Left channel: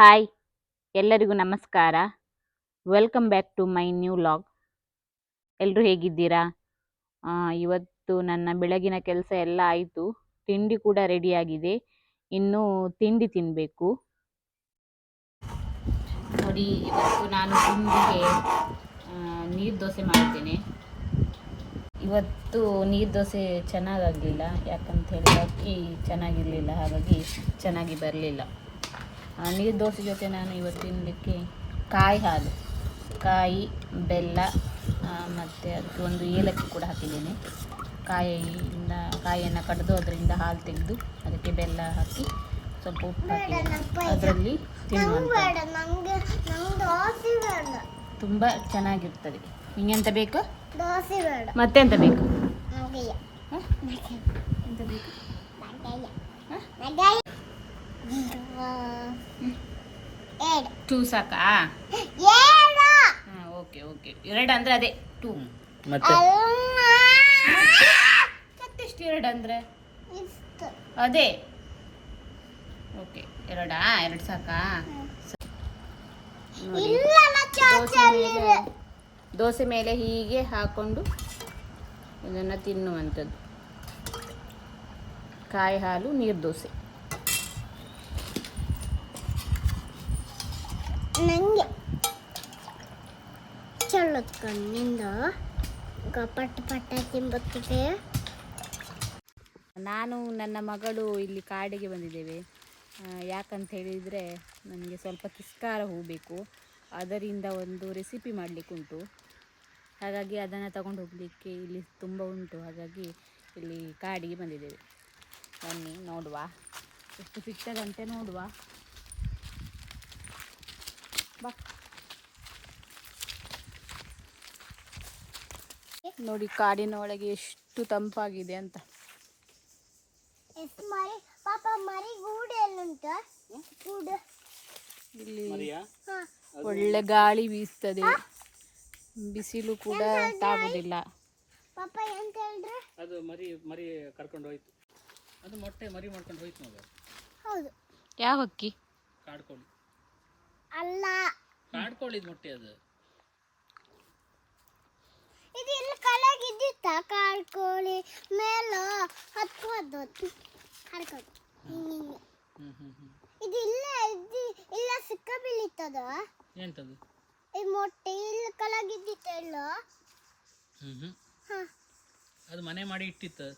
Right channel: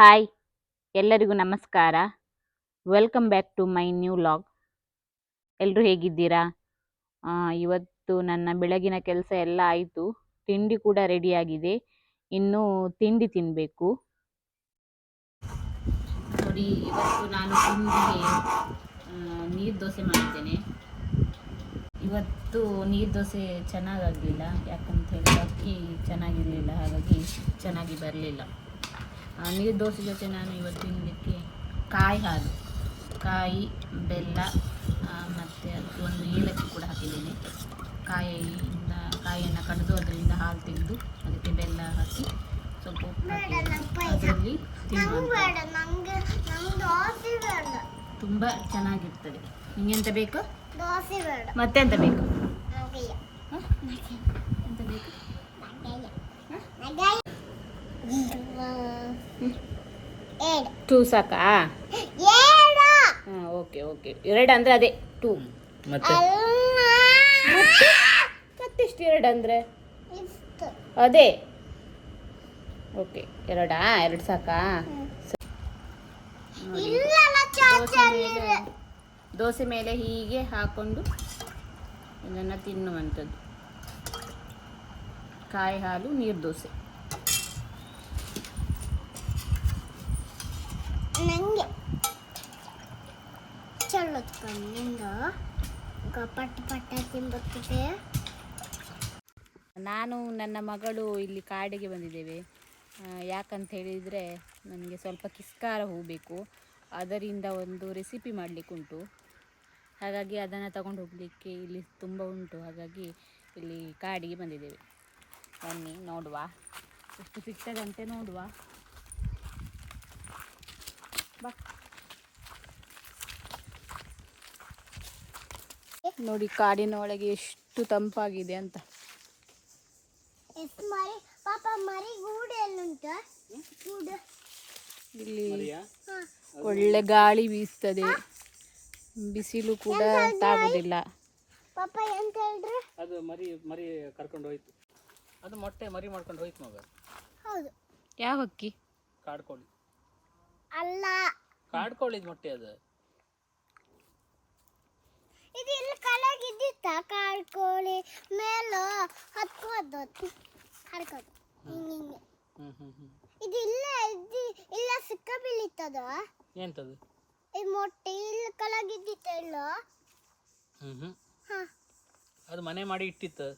Hi ಎಲ್ಲರಿಗೂ ನಮಸ್ಕಾರ. Welcome back to my new vlog ಎಲ್ಲರೂ ಹೇಗಿದ್ದೀರಾ? ಇವತ್ತು ನನ್ನ ಬೆಳಗಿನ ಕೆಲಸ ಎಲ್ಲ ಆಯಿತು. ತಿಂಡಿ ಕೂಡ ರೆಡಿಯಾಗಿದೆ ಇನ್ನೂ ತಿಂಡಿ ತಿನ್ನಬೇಕು ನೋಡಿ, ಇವತ್ತು ನಾನು ತಿಂಡಿಗೆ ನೀರು ದೋಸೆ ಮಾಡ್ತೇನೆ. ಇವತ್ತು ನೀರು ದೋಸೆ ಚೆನ್ನಾಗಾಗಲಿಲ್ಲ. ಯಾಕಂತ ಹೇಳಿದ್ರೆ ಅಕ್ಕಿ ಚೆನ್ನಾಗಿರಲಿಲ್ಲ, ಹಾಗಾಗಿ ಚೆನ್ನಾಗಿ ಬರಲಿಲ್ಲ. ನೀರು ದೋಸೆ ಜೊತೆ ನಾನು ಇವತ್ತು ತಿನ್ನಲಿಕ್ಕೆ ಕಾಯಿ ಹಾಲು ಕಾಯಿ ಬೆಲ್ಲ ಮತ್ತು ಅದಕ್ಕೆ ಒಂದು ಏಲಕ್ಕಿ ಕೂಡ ಹಾಕಿದ್ದೇನೆ. ಕಾಯಿಯಿಂದ ಕಾಯಿಯನ್ನು ಕಡಿದು ಅದರಿಂದ ಹಾಲು ತೆಗೆದು ಅದಕ್ಕೆ ಬೆಲ್ಲ ಹಾಕಿ ಸ್ವಲ್ಪ ಉಪ್ಪು ಹಾಕಿ ಅದರಲ್ಲಿ ತಿನ್ನುವಂಥ ತುಂಬ ಚೆನ್ನಾಗಿರ್ತದೆ. ನಿಂಗೆಂತ ಬೇಕು? ಮತ್ತೆಂತ ಬೇಕು? ಎಂತ ಬೇಕು? ಟೂ ಸಾಕಾ? ಹಾಂ ಓಕೆ ಓಕೆ ಎರಡು ಅಂದರೆ ಅದೇ ಟೂ ಮತ್ತೆ? ಮತ್ತೆಷ್ಟು ಎರಡು ಅಂದರೆ? ಅದೇ. ಓಕೆ ಎರಡಾ? ಎರಡು ಸಾಕಾ? ದೋಸೆ ಮೇಲೆ ದೋಸೆ ಮೇಲೆ ಹೀಗೆ ಹಾಕೊಂಡು ಇದನ್ನು ತಿನ್ನುವಂಥದ್ದು. ಕಾಯಿ ಹಾಲು ನೀರು ದೋಸೆ. ನಂಗೆ ಚಲೋ ಕಣ್ಣಿಂದ ಪಟ್ಟ ನಾನು ನನ್ನ ಮಗಳು ಇಲ್ಲಿ ಕಾಡಿಗೆ ಬಂದಿದ್ದೇವೆ. ಯಾಕಂತ ಹೇಳಿದರೆ ನನಗೆ ಸ್ವಲ್ಪ ಕಿಸ್ಕಾರ ಹೂ ಬೇಕು ಅದರಿಂದ ಒಂದು ರೆಸಿಪಿ ಮಾಡಲಿಕ್ಕುಂಟು ಹಾಗಾಗಿ ಅದನ್ನು ತಗೊಂಡು ಹೋಗಲಿಕ್ಕೆ ಇಲ್ಲಿ ತುಂಬ ಉಂಟು. ಹಾಗಾಗಿ ಇಲ್ಲಿ ಕಾಡಿಗೆ ಬಂದಿದ್ದೇವೆ. ಬನ್ನಿ, ನೋಡುವ. ಎಷ್ಟು ಸಿಗ್ತದಂತೆ ನೋಡುವ. ಬಾ. ನೋಡಿ ಕಾಡಿನ ಒಳಗೆ ಎಷ್ಟು ತಂಪಾಗಿದೆ ಅಂತ. ಎಸ್ ಮರಿ ಪಾಪ ಮರಿ ಗೂಡು ಎಲ್ಲುಂಟು? ಗೂಡು. ಇಲ್ಲಿ ಹಾ. ಒಳ್ಳೆ ಗಾಳಿ ಬೀಸ್ತದೆ. ಬಿಸಿಲು ಕೂಡ ತಾಗುದಿಲ್ಲ. ಪಾಪ ಎಂತ ಹೇಳ್ರಿ ಅದು ಮರಿ ಮರಿ ಕರ್ಕೊಂಡು ಹೋಯ್ತು. ಅದು ಮೊಟ್ಟೆ ಮರಿ ಮಾಡ್ಕೊಂಡು ಹೋಯ್ತು ಮಗ. ಹೌದು. ಯಾವ ಹಕ್ಕಿ ಕಾಡ್ಕೋಳಿ. ಅಲ್ಲ. ಕಾಡ್ಕೊಳ್ಳಿದ್ ಮೊಟ್ಟೆ ಅದು. ಇದು ಇಲ್ಲಿ ಕಲಾಗಿದ್ದಿತ್ತ? ಕಾಡ್ಕೋಳಿ ಮೇಲ ಹತ್ಕೋದು ಹರ್ಕೋದು ಹಿಂಗೆ ಹಿಂಗೆ ಹ್ಮ್ ಹ್ಮ್ ಹ್ಮ್. ಇದು ಇಲ್ಲ ಇದು ಇಲ್ಲ ಸಿಕ್ಕ ಬೀಳಿತ್ತದ ಎಂತದು? ಈ ಮೊಟ್ಟೆ ಇಲ್ಲಿ ಕಲಾಗಿದ್ದಿತ್ತ ಇಲ್ಲ? ಹ್ಮ್ ಹ್ಮ್. ಹಾ. ಅದು ಮನೆ ಮಾಡಿ ಇಟ್ಟಿತ್ತು.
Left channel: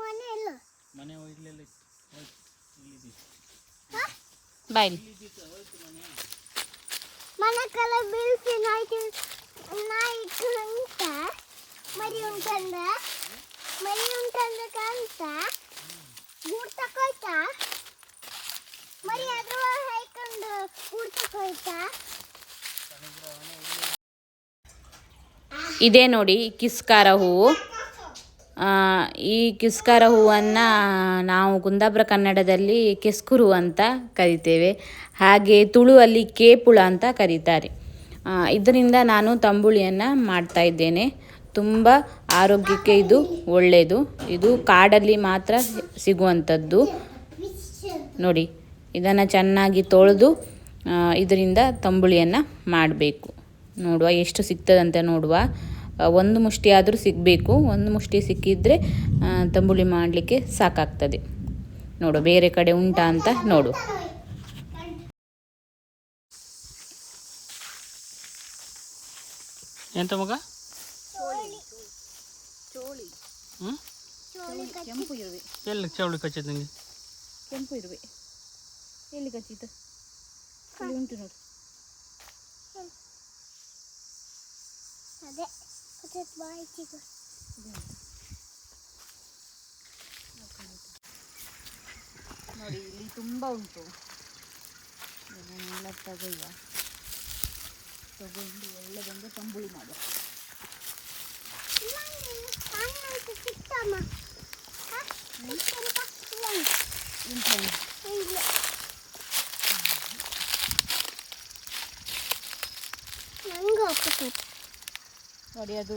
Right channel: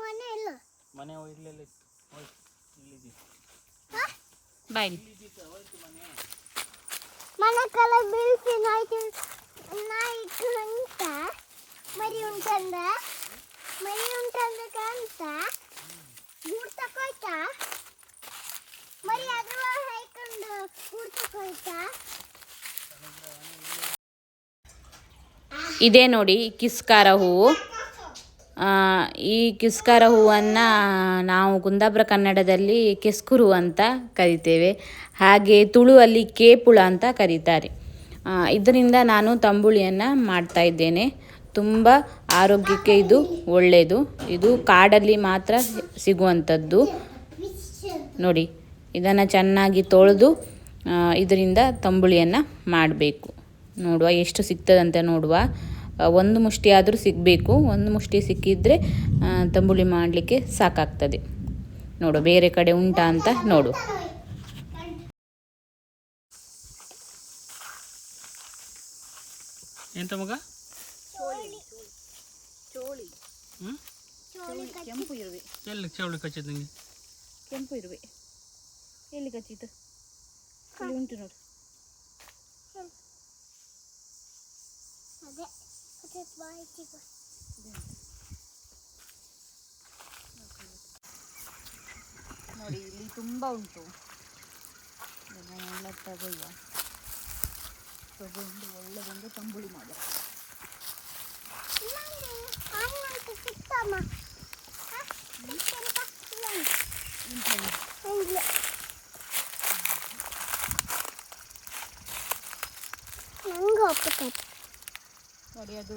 ಮನೆ ಇಲ್ಲ. ಮನೆ ಇಲ್ಲ ಇಲ್ಲೆಲ್ಲ ಇತ್ತು. ಹೋಯ್ತು ಇಲ್ಲಿದೆ ಬಾಯ್ಲಿ ಮನೆ ಕಲ ಬೀಳ್ಸಿ ನಾಯ್ತು ನಾಯ್ತು ಅಂತ ಮರಿ ಉಂಟಂದ ಮರಿ ಉಂಟಂದ ಕಾಣ್ತ ಗೂಡ್ ತಕೋಯ್ತಾ ಮರಿ ಇದೇ ನೋಡಿ ಕಿಸ್ಕಾರ ಹೂವು ಈ ಕಿಸ್ಕರ ಹೂವನ್ನು ನಾವು ಕುಂದಾಪುರ ಕನ್ನಡದಲ್ಲಿ ಕೆಸ್ಕುರು ಅಂತ ಕರಿತೇವೆ. ಹಾಗೆ ತುಳುವಲ್ಲಿ ಕೇಪುಳ ಅಂತ ಕರೀತಾರೆ. ಇದರಿಂದ ನಾನು ತಂಬುಳಿಯನ್ನು ಮಾಡ್ತಾ ಇದ್ದೇನೆ. ತುಂಬ ಆರೋಗ್ಯಕ್ಕೆ ಇದು ಒಳ್ಳೆಯದು ಇದು ಕಾಡಲ್ಲಿ ಮಾತ್ರ ಸಿಗುವಂಥದ್ದು. ನೋಡಿ, ಇದನ್ನು ಚೆನ್ನಾಗಿ ತೊಳೆದು ಇದರಿಂದ ತಂಬುಳಿಯನ್ನು ಮಾಡಬೇಕು. ನೋಡುವ, ಎಷ್ಟು ಸಿಗ್ತದಂತ ನೋಡುವ. ಒಂದು ಮುಷ್ಟಿ ಆದರೂ ಸಿಗಬೇಕು. ಒಂದು ಮುಷ್ಟಿ ಸಿಕ್ಕಿದರೆ ತಂಬುಳಿ ಮಾಡಲಿಕ್ಕೆ ಸಾಕಾಗ್ತದೆ. ನೋಡು ಬೇರೆ ಕಡೆ ಉಂಟಾ ಅಂತ ನೋಡು. ಎಂತ ಮಗ? ಕೆಂಪು ಇರುವೆ. ಎಲ್ಲಿ ಚವಳಿ ಕಚ್ಚಿದ್ ನಿಂಗೆ? ಕೆಂಪು ಇರುವೆ. ಎಲ್ಲಿ ಕಚ್ಚಿತು ಇಲ್ಲಿ ಉಂಟು ನೋಡು. ಅದೇ. ನೋಡಿ, ಇಲ್ಲಿ ತುಂಬ ಉಂಟು. ಇದನ್ನೆಲ್ಲ ತಗೊಳ್ಳುವ ತಗೊಂಡು ಒಳ್ಳೆದೊಂದು ತಂಬುಳಿ ಮಾಡುವ ಹಣ್ಣಾಯ್ತು ಸಿಕ್ತಮ್ಮ ಹಾ ಸಿಕ್ತಂತ ಇಲ್ಲ ಇಲ್ಲ ನಂಗೆ ಒಪ್ಪತ್ತೈತೆ ನೋಡಿ, ಅದು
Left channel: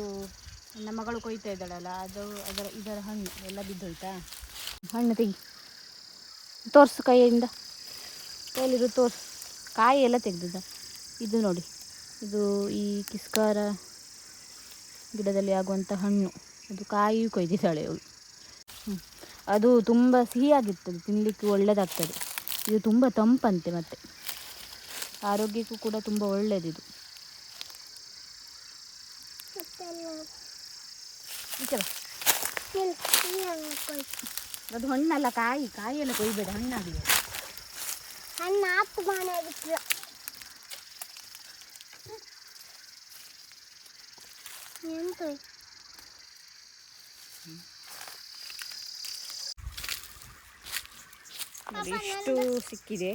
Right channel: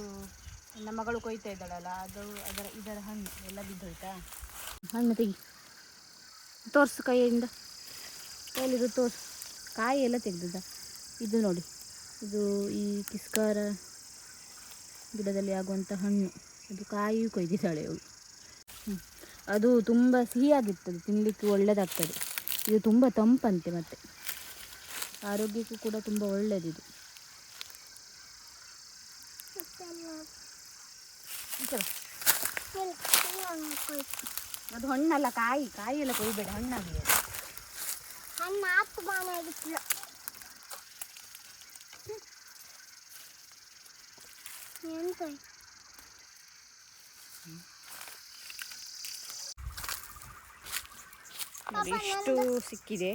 ನನ್ನ ಮಗಳು ಕೊಯ್ತಾ ಇದ್ದಾಳಲ್ಲ, ಅದು ಅದರ ಇದರ ಹಣ್ಣು ಎಲ್ಲ ಬಿದ್ದುಂಟಾ? ಹಣ್ಣು ತೆಗಿ. ತೋರಿಸು ಕೈಯಿಂದ. ಕೈಲಿರು ತೋರಿಸು. ಕಾಯಿ ಎಲ್ಲ ತೆಗೆದಿದ್ದ ಇದು ನೋಡಿ, ಇದು ಈ ಕಿಸ್ಕಾರ ಗಿಡದಲ್ಲಿ ಆಗುವಂಥ ಹಣ್ಣು. ಅದು ಕಾಯಿಯೂ ಕೊಯ್ದಿದ್ದಾಳೆ ಅವಳು. ಅದು ತುಂಬ ಸಿಹಿಯಾಗಿರ್ತದೆ ತಿನ್ನಲಿಕ್ಕೆ ಒಳ್ಳೆಯದಾಗ್ತದೆ ಇದು ತುಂಬ ತಂಪಂತೆ ಮತ್ತೆ. ಆರೋಗ್ಯಕ್ಕೂ ಕೂಡ ತುಂಬ ಒಳ್ಳೆಯದಿದು ಮತ್ತೆಲ್ಲ ಈ ಕಡೆ. ಇಲ್ಲಿ ಇಲ್ಲಿ ಹಾಕ್ಕೊಳ್ತು. ಅದು ಹಣ್ಣಲ್ಲ ಕಾಯಿ ಕಾಯಿ ಎಲ್ಲ ಕೊಯ್ಬೇಡ ಹಣ್ಣಾಗಿದೆ ಹಣ್ಣು ಆಪು ಕಾಣಾಗಿತ್ತು ಎಂತ? ಇಷ್ಟು ಸಿಕ್ಕಿದೆ.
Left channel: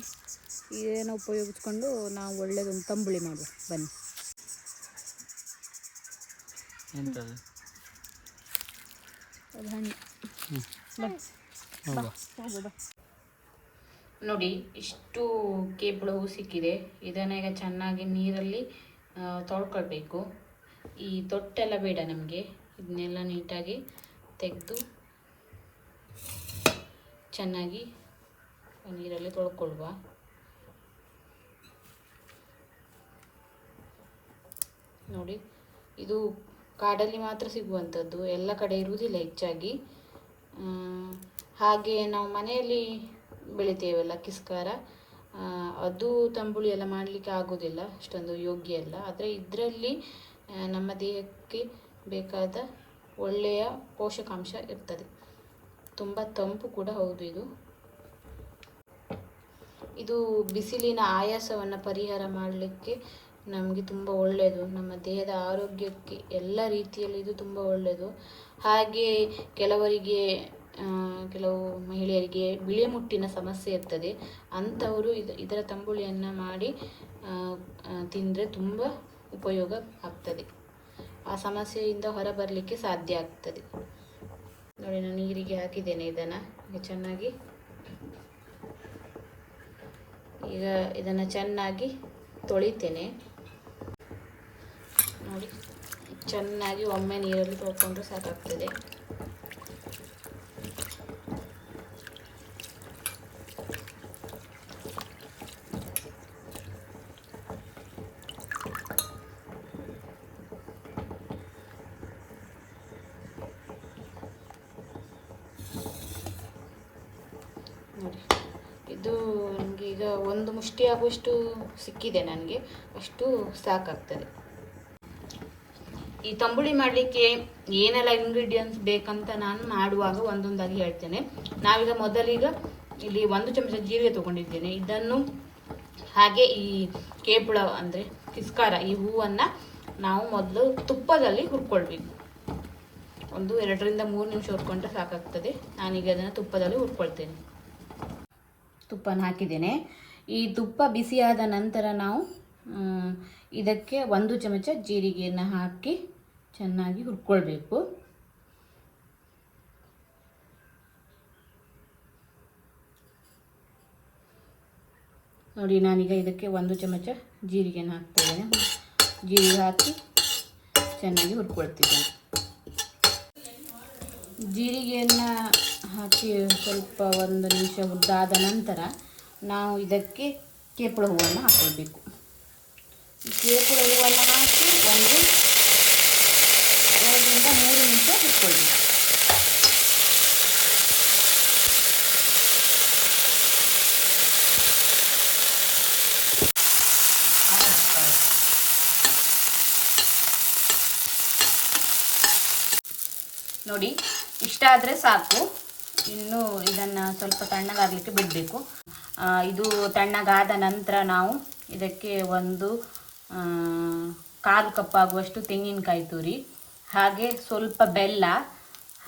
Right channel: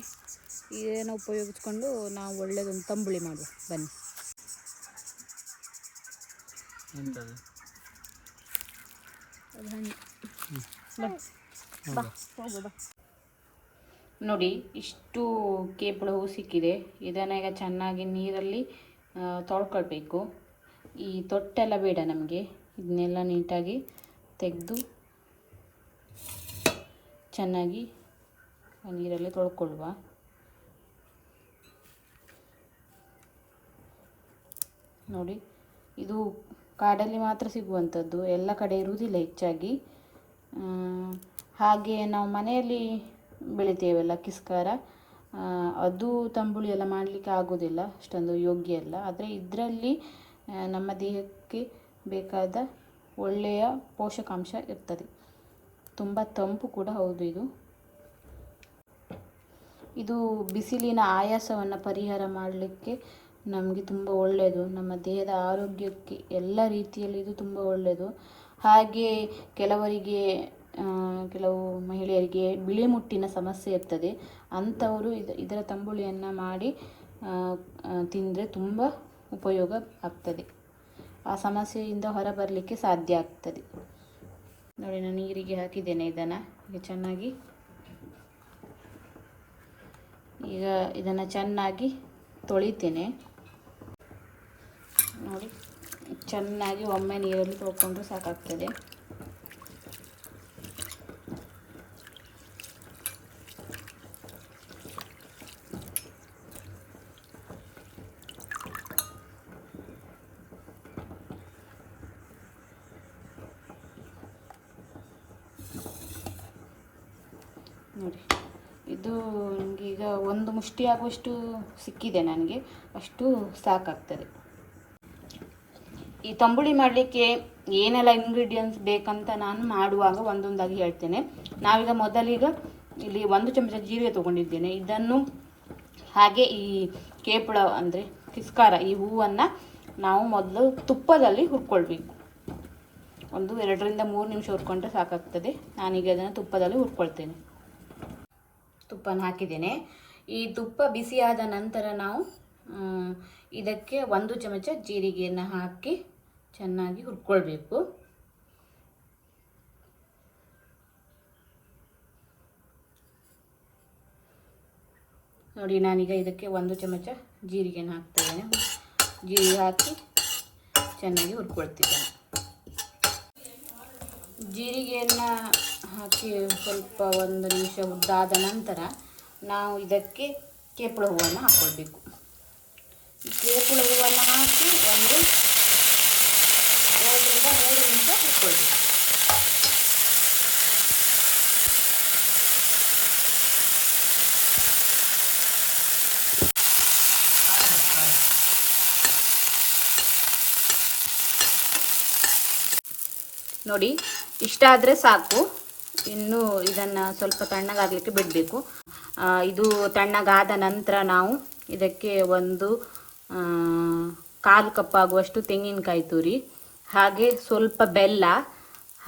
ಇದನ್ನು ಉಪಯೋಗಿಸ್ಕೊಂಡು ನಾವು ಒಳ್ಳೆಯದೊಂದು ತಂಬುಳಿ ಮಾಡುವ. ಬನ್ನಿ. ನೋಡಿ, ಇಷ್ಟು ಕೇಪಳ ಹೂವು ಸಿಕ್ಕಿದೆ. ಇದನ್ನ ಈಗ ಚೆನ್ನಾಗಿ ನೀರಲ್ಲಿ ತೊಳ್ಕೊಳ್ಬೇಕು. ಈ ತೊಟ್ಟೆಲ್ಲ ಬೇಡ ನಮಗೆ. ಇದನ್ನೆಲ್ಲ ನೀಟಾಗಿ ತೆಗೆದು ಚೆನ್ನಾಗಿ ನೀರಲ್ಲಿ ತೊಳ್ಕೊಳ್ಳುವ. ನೋಡಿ, ಇದು ಕಾಡಲ್ಲಿ ಮಾತ್ರ ಸಿಗುವಂಥದ್ದು. ಎಲ್ಲ ಕಡೆ ಇರುವುದಿಲ್ಲ ಹೆಚ್ಚಾಗಿ. ಹಾಗೆ ನಾವು ಮನೆಯಲ್ಲಿ ಬೆಳಿತೇವಲ್ಲ ಕಿಸ್ಕಾರ. ಅದು ತಂಬುಳಿ ಎಲ್ಲ ಮಾಡಲಿಕ್ಕೆ ಆಗೋದಿಲ್ಲ ಅಷ್ಟೊಂದು ಯೋಗ್ಯ ಅಲ್ಲ. ಆದರೆ ಇದರಲ್ಲಿ ನಮ್ಮ ದೇಹಕ್ಕೆ ಬೇಕಾದ ಒಳ್ಳೆಯ ಪೋಷಕಾಂಶ ಇರ್ತದೆ. ತುಂಬ ತಂಪು ಕೂಡ ಹೌದು ಇದು. ಇದು ಬಿಸಿಲಿನ ಆಯಾಸವನ್ನು ಪರಿಹಾರ ಮಾಡಲಿಕ್ಕೆ ನಮಗೆ ತುಂಬ ಒಳ್ಳೆಯದು ನಮ್ಮ ದೇಹದ ಆರೋಗ್ಯಕ್ಕೆ ಎಲ್ಲ ರೀತಿಯಲ್ಲಿ ಇದು ತುಂಬ ಒಳ್ಳೆಯದು ಹಾಗೆ ಕೆಲವರಿಗೆ ಕೆಲವು ಮಹಿಳೆಯರಿಗೆ ಬಿಳಿ ಮುಟ್ಟಿನ ಸಮಸ್ಯೆ ಇರ್ತದೆ. ಅಂಥವರು ಇದು, ಇದರ ತಂಬುಳಿಯನ್ನು ಮಾಡಿ ತಿಂದರೆ ತುಂಬ ಉಪಯೋಗ ಆಗ್ತದೆ. ಆ ಸಮಸ್ಯೆಯಿಂದ ಹೊರಬರಲಿಕ್ಕೆ ಸಾಧ್ಯ ಆಗ್ತದೆ. ನೋಡಿ, ನಾನು ನೀರಿಗೆ ಹಾಕಿದ್ದೇನೆ ಇದನ್ನು. ಚೆನ್ನಾಗಿ, ಈಗ ಇದನ್ನು ಚೆನ್ನಾಗಿ ತೊಳಿತೇನೆ. ಚೆನ್ನಾಗಿ ಒಮ್ಮೆ ನೀರಲ್ಲಿ ತೊಳ್ಕೊಂಡು ಸಾಕಾಗ್ತದೆ. ನೋಡಿ, ಇದು ನನಗೆ ಈಗ ಒಂದು ಮುಷ್ಟಿ ಆಗುವಷ್ಟು ಸಿಕ್ಕಿದೆ ನನಗೆ. ಅಷ್ಟು ಸಾಕಾಗ್ತದೆ. ಈ ತಂಬುಳಿ ಮಾಡಲಿಕ್ಕೆ ಏನೆಲ್ಲ ಇಂಗ್ರೀಡಿಯೆಂಟ್ಸ್ ಬೇಕಂತ ನಾನು ಮಾಡುವಾಗ ಒಂದೊಂದಾಗಿ ಹೇಳ್ತೇನೆ. ನಾವೀಗ ಮೊದಲೀಗ ಇಲ್ಲಿ ಒಂದು ಚಮಚ ಜೀರಿಗೆ ತಗೊಂಡಿದ್ದೇನೆ. ಇದನ್ನು ಹಾಗೆ ಈ ಕೇಪಳ ಅಂದರೆ ಕಿಸ್ಕಾರ, ಈ ಹೂವನ್ನು ನಾವು ಮೊದಲು ತುಪ್ಪದಲ್ಲಿ ಹುರ್ಕೊಳ್ಬೇಕು. ಒಂದು ಎರಡರಿಂದ ಮೂರು ನಿಮಿಷ ಹುರ್ಕೊಂಡ್ರೆ ಸಾಕಾಗ್ತದೆ. ನಾನೀಗ ಅದನ್ನು ತುಪ್ಪದಲ್ಲಿ ಹುರ್ಕೊಳ್ತೇನೆ. ತುಪ್ಪನ ಹಾಕಿದ್ದೇನೆ. ಈ ತುಪ್ಪ ಬಿಸಿಯಾದ ನಂತರ ನಾವು ಇದಕ್ಕೆ ಒಂದು ಚಮಚ ಜೀರಿಗೆಯನ್ನು ಹಾಕಿ ಚೆನ್ನಾಗಿ ಹುರ್ಕೊಳ್ಬೇಕು. ನೋಡಿ, ನಾನೀಗ ಇದಕ್ಕೆ ಒಂದು ಚಮಚ ಜೀರಿಗೆನ ಹಾಕ್ತೇನೆ. ಜೀರಿಗೆ ಹಾಕಿ ಚೆನ್ನಾಗಿ ಹುರ್ಕೊಳ್ತೀನಿ. ಜೀರಿಗೆಯನ್ನು ಹಾಕಿ ಸ್ವಲ್ಪ ಒಂದು ನಿಮಿಷ ಉದ್ದಾದ ನಂತರ ನಾವು ಇದಕ್ಕೆ ಕೇಪಳ ಹೂವನ್ನು ಹಾಕ್ಕೊಳ್ಬೇಕು ಕೇಪಳ ಹೂವನ್ನು ಹಾಕಿ ಒಂದು ಮೂರರಿಂದ ಮೂರು ನಿಮಿಷ ಹುರ್ಕೊಳ್ಬೇಕು ನೋಡಿ. ಇಷ್ಟ ಆದರೆ ಸಾಕು. ಇನ್ನು ಇದನ್ನು ಸ್ವಲ್ಪ ತಣ್ಣಗಾಗಲಿಕ್ಕೆ ಬಿಡಬೇಕು. ಇದು ತಣ್ಣಗಾದ ನಂತರ ನಾವು ಇದಕ್ಕೆ ಒಂದು ಕಾಲು ಕಪ್ಪಾಗುವಷ್ಟು ತೆಂಗಿನಕಾಯಿ ತುರಿ, ಹಾಗೆ ಸ್ವಲ್ಪ ಬೆಲ್ಲ,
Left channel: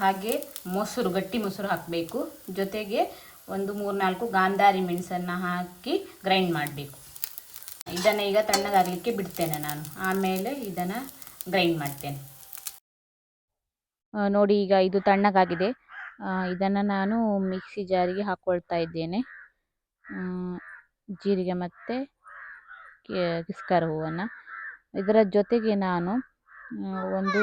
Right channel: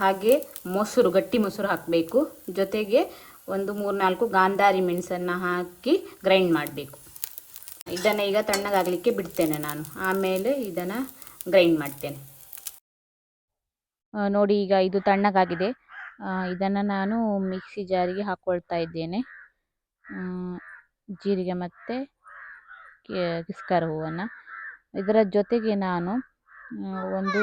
ಹಾಗೆ ಮೊಸರು, ಗಟ್ಟಿ ಮೊಸರು ಹಾಕಬೇಕು. ಜೊತೆಗೆ ಒಂದು ಮೂರ್ನಾಲ್ಕು ಗಾಂಧಾರಿ ಮೆಣಸನ್ನು ಹಾಕಿ ಗ್ರೈಂಡ್ ಮಾಡಬೇಕು. ಇದನ್ನು ಈಗ ತಣ್ಣಗಾಗಲಿಕ್ಕೆ ಬಿಡ್ತೇನೆ ನಾನು. ಆಮೇಲೆ ಇದನ್ನು ಗ್ರೈಂಡ್ ಮಾಡ್ತೇನೆ. ನೋಡಿ ಈಗ ಇದು ತಣ್ಣಗಾಗಿದೆ. ಇದನ್ನು ನಾನು ಮಿಕ್ಸಿ ಜಾರಿಗೆ ಹಾಕ್ಕೊಳ್ತಾ ಇದ್ದೇನೆ. ಜೀರಿಗೆ ಮತ್ತು ಕಿಸ್ಕರ ಹೂವನ್ನು. ಇದರ ಜೊತೆಗೆ ನಾನು ಒಂದು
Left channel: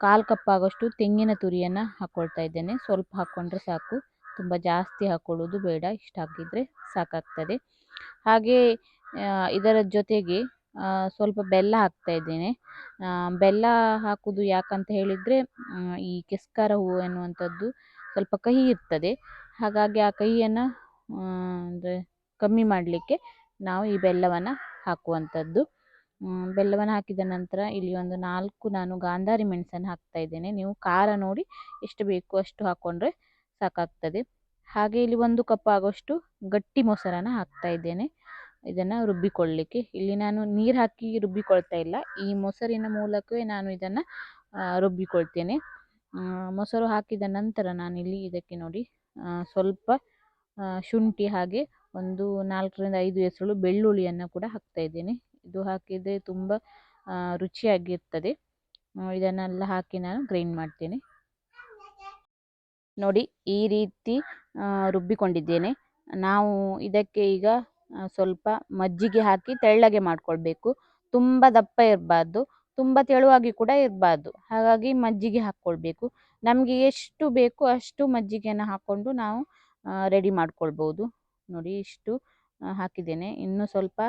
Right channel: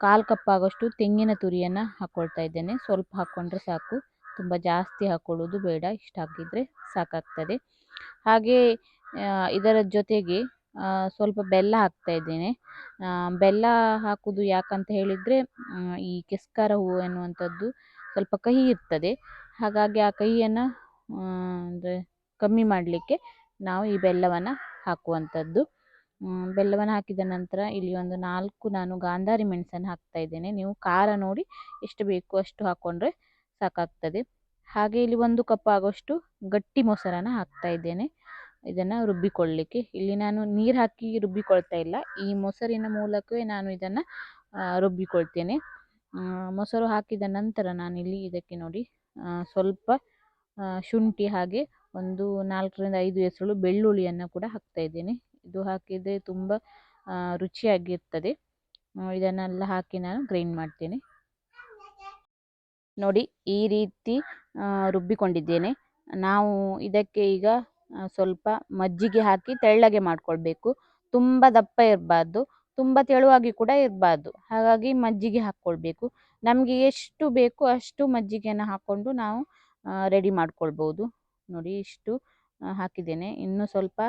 ಕಾಲು ಕಪ್ ಆಗೋಷ್ಟು ತೆಂಗಿನ ತುರಿಯನ್ನು ಹಾಕ್ಕೊಳ್ತಾ ಇದ್ದೇನೆ. ಸ್ವಲ್ಪ ಹಾಕ್ಕೊಂಡ್ರೆ ಸಾಕು. ತುಂಬ ಜಾಸ್ತಿ ಹಾಕ್ಕೊಳ್ಳೋದು ಬೇಡ. ಇಷ್ಟು ಹಾಕಿದರೆ ಸಾಕಾಗ್ತದೆ. ಹಾಗೆ ಇದರ ಜೊತೆಗೆ ಸ್ವಲ್ಪ ಬೆಲ್ಲ ಹಾಕ್ತಾ ಇದ್ದೇನೆ. ಬೆಲ್ಲ ಹಾಕುವುದು ಯಾಕಂತ ಹೇಳಿದರೆ ಈ ಕೆಸ್ಕಾರ ಹೂವು ಎನ್ನುವಂಥದ್ದು ಸ್ವಲ್ಪ ಕಹಿ ಇರ್ತದೆ. ಹಾಗಾಗಿ ಆ ಕಹಿಯನ್ನು ಅಂದರೆ ಕಮ್ಮಿ ಮಾಡಲಿಕ್ಕೆ ನಾವು ಈ ಬೆಲ್ಲವನ್ನು ಹಾಕುವಂಥದ್ದು. ಬೆಲ್ಲವನ್ನು ಹಾಕಿದ ನಂತರ ಇಲ್ಲಿ ಒಂದು ನಾಲ್ಕು ನಾನು ಗಾಂಧಾರಿ ಮೆಣಸನ್ನು ಹಾಕ್ತಾ ಇದ್ದೇನೆ. ನೀವು ಖಾರ ನೋಡಿ ಎಷ್ಟು ಬೇಕು ಅಷ್ಟು ಹಾಕ್ಕೊಂಡ್ರೆ ಸಾಕಾಗ್ತದೆ. ಹಾಗೆ ಇಲ್ಲಿ ಒಂದು ಕಪ್ ಆಗೋಷ್ಟು ಗಟ್ಟಿ ಮೊಸರನ್ನು ಹಾಕ್ತಾ ಇದ್ದೇನೆ. ಇದನ್ನು ರುಬ್ಬಿಕೊಳ್ಳಲಿಕ್ಕೆ ಇಲ್ಲಿ ನಾನು ನೀರು ಹಾಕಿ ರುಬ್ಬಿಕೊಳ್ತಾ ಇಲ್ಲ. ಈ ಮೊಸರಿನ ಮೂಲಕವೇ ನಾನು ಇದನ್ನು ರುಬ್ಬಿಕೊಳ್ತೇನೆ. ಮೊಸರು ಹಾಕಿದ ನಂತರ ನಾನಿಲ್ಲಿ ಇದಕ್ಕೆ ನೋಡಿ ಸ್ವಲ್ಪ ಶುಂಠಿ ಹಾಗೆ ಒಂದು ನಾಲ್ಕರಿಂದ ಐದು ಹೆಸರು ಬೆಳ್ಳುಳ್ಳಿಯನ್ನು ಕೂಡ ಹಾಕ್ತಾ ಇದ್ದೇನೆ. ಇದು ಹಾಕಿದರೆ ತುಂಬ ರುಚಿಯಾಗಿರ್ತದೆ. ಇದನ್ನೆಲ್ಲ ಹಾಕಿ ನಾನು ಗ್ರೈಂಡ್ ಮಾಡ್ತೇನೆ. ನೋಡಿ, ಈ ರೀತಿ ರುಬ್ಬಿಕೊಂಡಿದ್ದೇನೆ. ನಾವು ಇದಕ್ಕೆ ಈಗ ಸ್ವಲ್ಪ ಮಜ್ಜಿಗೆ ಹಾಕಿ ತೆಳ್ಳಗೆ ಮಾಡಿಕೊಳ್ಬೇಕು. ತುಂಬ ದಪ್ಪ ಇರಬಾರ್ದು, ತುಂಬ ತೆಳುವಾಗಿ ಕೂಡ ಇರಬಾರ್ದು. ಹಾಗಾಗಿ ಮಜ್ಜಿಗೆ ಹಾಕ್ಕೊಳ್ಬೇಕು. ನಮಗೆ ಎಷ್ಟು ಬೇಕು ಅಷ್ಟು ಮಜ್ಜಿಗೆಯನ್ನು ಹಾಕ್ಕೊಂಡು ನಾವು ರೆಡಿ ಮಾಡ್ಕೊಳ್ಬೋದು. ನೋಡಿ ಇಷ್ಟು ಹಾಕಿದ್ದೇನೆ. ಇನ್ನು ಸ್ವಲ್ಪ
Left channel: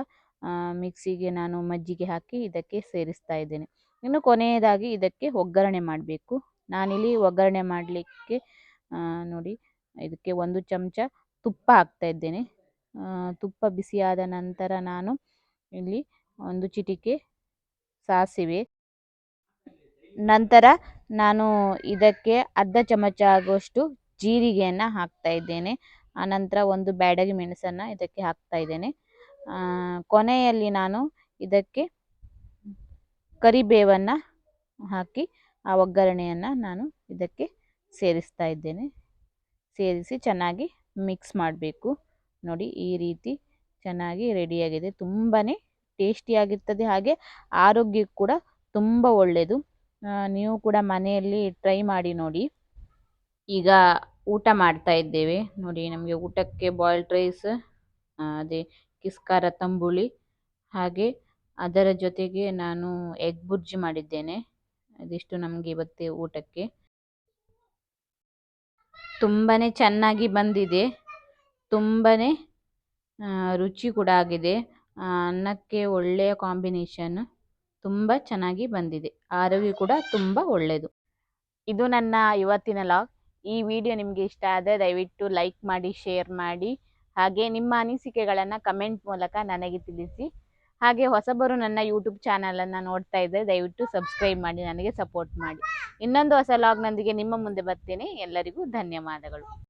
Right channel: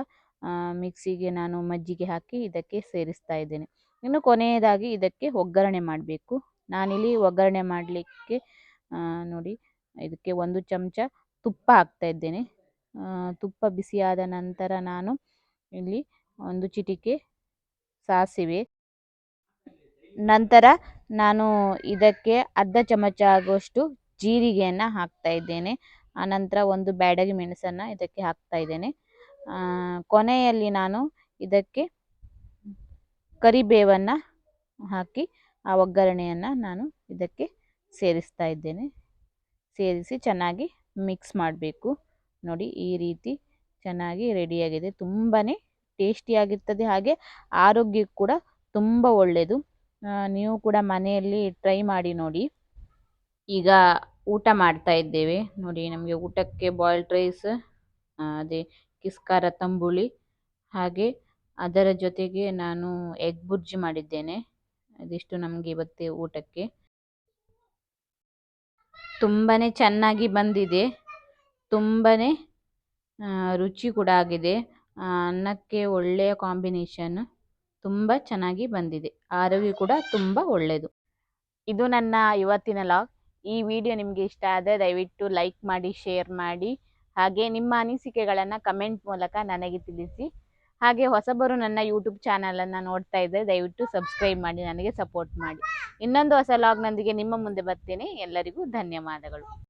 ಮಿಕ್ಸಿಗೆ ನಾನು ಮಜ್ಜಿಗೆ ಹಾಕಿ ಇದಕ್ಕೆ ಸೇರಿಸ್ತಾ ಇದ್ದೇನೆ. ಇನ್ನು ಕೊನೆಯದಾಗಿ ಇದಕ್ಕೆ ಒಗ್ಗರಣೆ ಮಾಡಬೇಕು. ನಾನಿಲ್ಲಿ ಒಗ್ಗರಣೆ ಮಾಡಲಿಕ್ಕೆ ನೋಡಿ, ಇದಕ್ಕೆ ಒಂದು ಚಮಚ ತುಪ್ಪ ಹಾಕ್ತಾ ಇದ್ದೇನೆ. ತುಪ್ಪ ಬಿಸಿಯಾದ ನಂತರ ನಾನು ಇಲ್ಲಿ ಒಂದು ಚಿಟಿಕೆ ಸಾಸಿವೆ. ನಂತರ ನಾನು ಇದಕ್ಕೆ ಅರ್ಧ ಚಮಚ ಆಗುವಷ್ಟು ಜೀರಿಗೆಯನ್ನು ಹಾಕ್ತಾ ಇದ್ದೇನೆ. ಆನಂತರ ಒಂದು ಬ್ಯಾಡಗಿ ಮೆಣಸನ್ನು ಇದಕ್ಕೆ ಹಾಕ್ತಾ ಇದ್ದೇನೆ. ಕೊನೆಯಲ್ಲಿ ನಾನು ಇದಕ್ಕೆ ಕರಿಬೇವನ್ನು ಹಾಕಿ ಆ ಒಗ್ಗರಣೆಯನ್ನು ನಾನು ಇದಕ್ಕೆ ಸೇರಿಸ್ತಾ ಇದ್ದೇನೆ. ಸೇರಿಸಿ ಚೆನ್ನಾಗಿ ಮಿಕ್ಸ್ ಮಾಡಬೇಕು. ನೋಡಿ ಈ ರೀತಿ ಚೆನ್ನಾಗಿ ರೆಡಿಯಾಗಿದೆ. ತುಂಬಾ ಟೇಸ್ಟಿಯಾಗಿರ್ತದೆ ಹಾಗೆ ಆರೋಗ್ಯಕ್ಕೆ ಕೂಡ ತುಂಬ ಒಳ್ಳೆಯದು ನೀವು ಕೂಡ ಮನೆಯಲ್ಲಿ ಟ್ರೈ ಮಾಡಿ ನೋಡಿ. ಈಗ ಊಟ ಮಾಡ್ತಾ ಇದ್ದೇವೆ. ನೋಡಿ ನಮಗೆ ಊಟಕ್ಕೆ ಬಾಯ್ಲ್ಡ್ ರೈಸ್ ಅದೇ ಕಿಸ್ಕಾರ ತಂಬುಳಿ, ಹಾಗೆ ಅದರ ಜೊತೆಗೆ ನಾನು ಎಗ್ ಬುರ್ಜಿ ಮಾಡಿದ್ದೇನೆ. ಅದಿಷ್ಟು ನಮಗೆ ಇವತ್ತೇ ಊಟಕ್ಕೆ. ತುಂಬಾ ಚೆನ್ನಾಗಿ ಬಂದಿದೆ. ತುಂಬಾ ರುಚಿ ಕೂಡ ಆಗಿದೆ. ಅನ್ನಕ್ಕೆ ಒಳ್ಳೆಯ ಕಾಂಬಿನೇಷನ್ ತುಂಬ ಚೆನ್ನಾಗಿ ಬಂದಿದೆ. ಆರೋಗ್ಯ ಕೂಡ ತುಂಬ ಒಳ್ಳೆಯದು ಇದು ನನ್ನ ಇವತ್ತಿನ ಲಾಗ್. ಈ ವಿಡಿಯೋ ನಿಮಗೆ ಇಷ್ಟ ಆದರೆ ದಯವಿಟ್ಟು ಲೈಕ್ ಮಾಡಿ, ಶೇರ್ ಮಾಡಿ. ಹಾಗೆ ನಿಮ್ಮ ಅನಿಸಿಕೆಗಳನ್ನು ಕಮೆಂಟ್ ಮೂಲಕ ನನಗೆ ತಿಳಿಸಿ. ಹಾಗೆ ಹೊಸಬರು ನನ್ನ ಯೂಟ್ಯೂಬ್ ಚಾನಲನ್ನು ನೋಡ್ತಾ ಇದ್ದರೆ ದಯವಿಟ್ಟು ಸಬ್ಸ್ಕ್ರೈಬ್ ಮಾಡಿ, ನನಗೆ ಸಪೋರ್ಟ್ ಮಾಡಿ. ಇನ್ನೊಂದು ಹೊಸ ಲಾಗ್ನೊಂದಿಗೆ ನಿಮ್ಮ ಮುಂದೆ ಬರ್ತೇನೆ. ಎಲ್ಲರಿಗೂ ಧನ್ಯವಾದಗಳು.